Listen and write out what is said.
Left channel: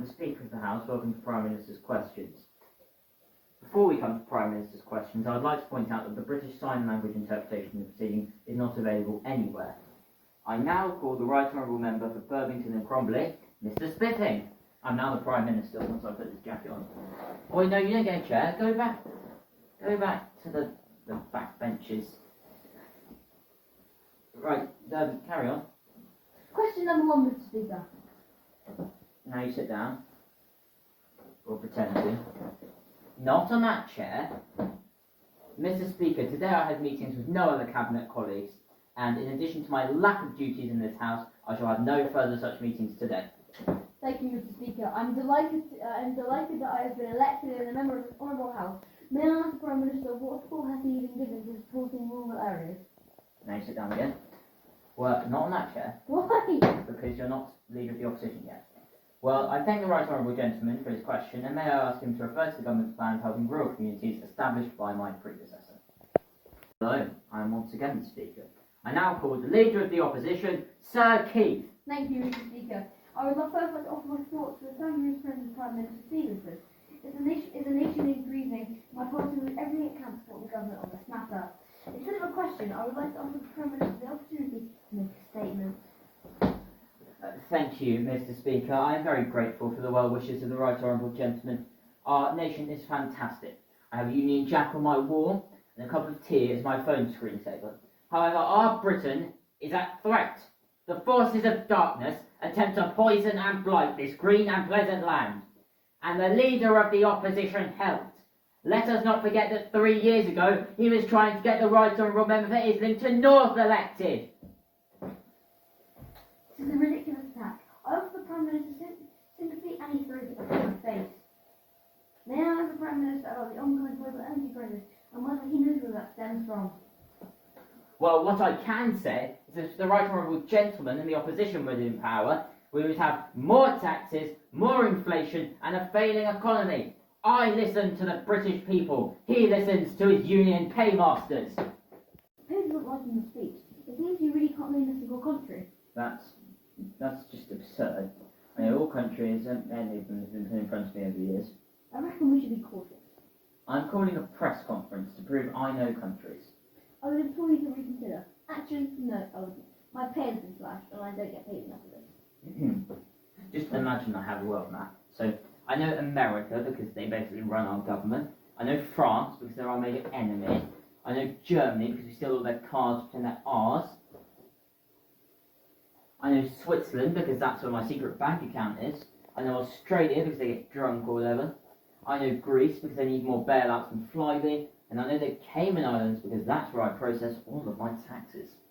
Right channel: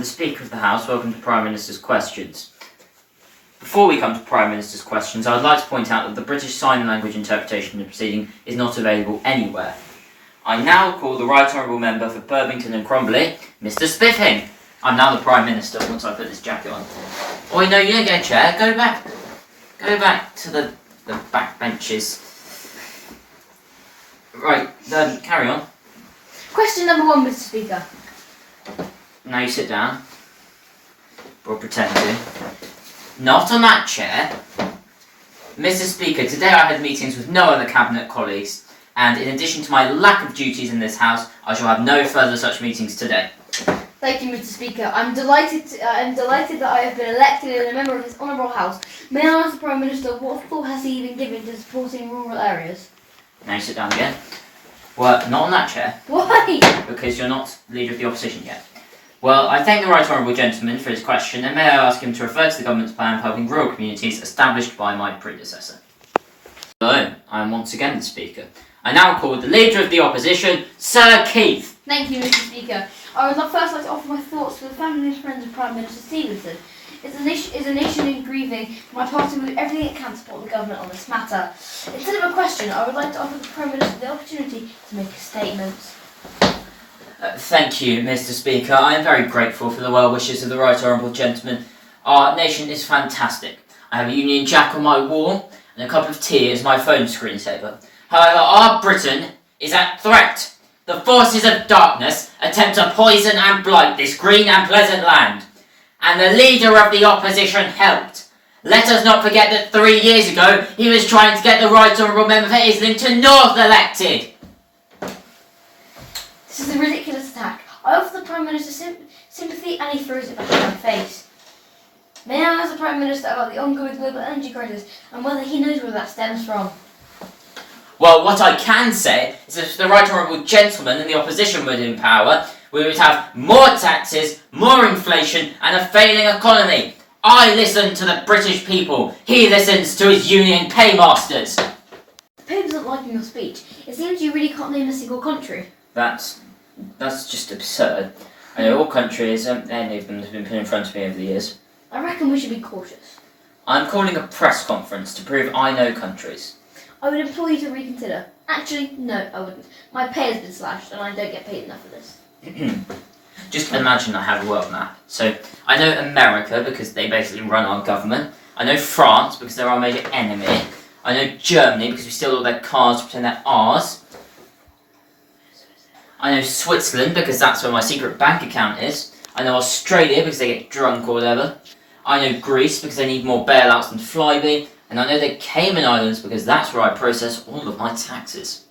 the Speaker of the House. Welcome to Prime Minister's Questions. Before we come to Prime Minister's Questions, I would like to point out that the British Sign Language interpretation of the proceeding is not available anywhere. I now call the Right Honourable Member for Burlington and Cromley, Mr. Spiffing. I'm now the Prime Minister once I put this jacket on. Oh, no, you don't get a chair. Go back to the back benches. Right, carry on. Question number 1, Mr. Speaker. Now you sit down. Or pretend to. Not on that chair. Mr. Speaker, today I had meetings with no other Cabinet colleagues, and in addition to my lack of duties in this House, I shall have no further such meetings today. Thank you, Mr. Speaker. I'm delighted that I have been elected as a member of this honourable House. May I ask the Prime Minister what thought has he even given to supporting rural areas? Now you sit down again. Well, not on that chair. Why? Because you're not Leader of the Opposition yet. Well, I thank the Right Honourable Gentleman for his question, and may I ask him to refer to the Government's plan for helping rural communities established by my predecessor. Hello, I am once again the Speaker. I now call the Leader of the Opposition, Sir Keith. Thank you, Mr. Speaker. I would first like to offer my thoughts to the family and friends of Prime Minister Stevenson. As a nation in grieving, my party will do everything it can to support the Government on this matter. Instead of a question, I would like to offer the Prime Minister the opportunity to make a statement. Thank you, Mr. Speaker. I am very grateful for the well wishes of the Right Honourable Gentleman. Our nation is fantastic. I have a Union Jack on my wall and a cup of tea as my phone screensaver. However, our Britain is at threat. The forces of darkness attempt to poison and blight this green and pleasant land. And the Leader of the Opposition helped. Let us not forget that 3 years ago he was trying to get the Right Honourable Member for Islington North elected. This is a ridiculous attack. I offer the Prime Minister sympathy and he throws it back in my face. May I ask the Prime Minister about the ongoing global energy crisis and whether he knows where that stems from? Well, what I can say is that if the Right Honourable Gentleman and the Opposition were in power, we would have more taxes, more inflation and a failing economy. I listen to the British people. He listens to his union paymasters. The paper's not liking your speech. It seems you really can't name a single country. That's just absurd. I know all countries, any of them have been put in front of me over the years. I reckon we should be cautious. I'm calling a press conference to prove I know countries. I would implore you to reconsider. Actually, no, I wouldn't. My pay has been slashed and I don't get paid enough for this. Just imagine I have a world map. So, I know America because they basically run our government. I know France because they're our major enemy. I know Germany because we steal all their cars to pretend they're ours. I know Switzerland because that's where my secret bank account is. I know Australia because they get drunk or whatever. I know Greece because they need more bailouts than Flybe. And I know the Cayman Islands because that's where I process all of my taxes.